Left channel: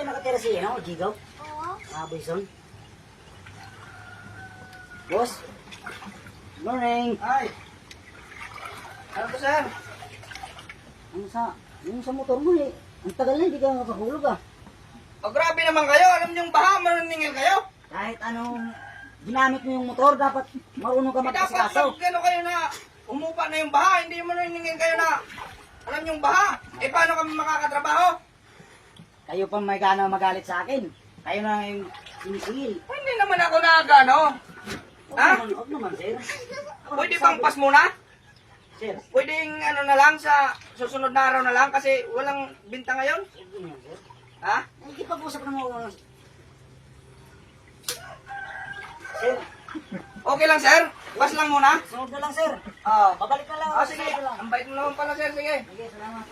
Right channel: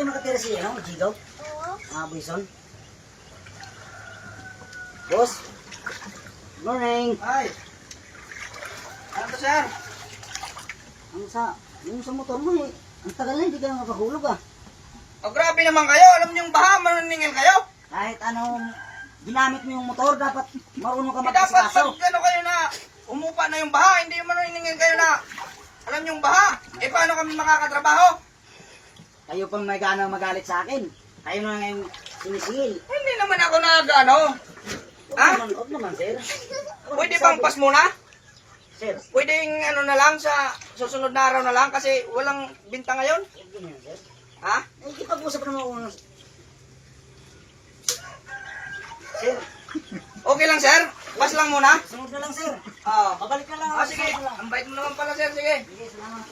kayo nakatira siya, no? Jigaw? Oo. Mga Boyson? Boss? Good morning. Ay. Ano to, sir? Yung sa motor mo eh. Ang tagal na, hindi ka makahulog ah. Oh, grabe naman kayo. Alam niyo yung baha, manuningil kayo. Kahit anong ginamit mo yung motor, dapat marunong ka Eh, dapat magpasikaso. pag ano kayo na umupa na yung baha, hindi yung manuningil kayo na alam niyo yung baha. Eh, paano kami makakatrabaho? Kayo pa may gana magalit sa akin. Kayo na ngayon sinisingil. Hindi naman ako nagano. Ha? Huwag naman, sir. Pwede bang pas muna? Sir, Pwedeng ano na lang sa susunod na araw na lang kasi walang binta ngayon. huwag yun yan, sir. Ha? Ay, kipag-usap naman ako na. Sir, Okay lang, sir? Pas lang muna? sunod na lang, sir. Oo. Babalik na lang. Ah, sige. Ang bait mo naman pala, sir. Sige. Sige, salamat.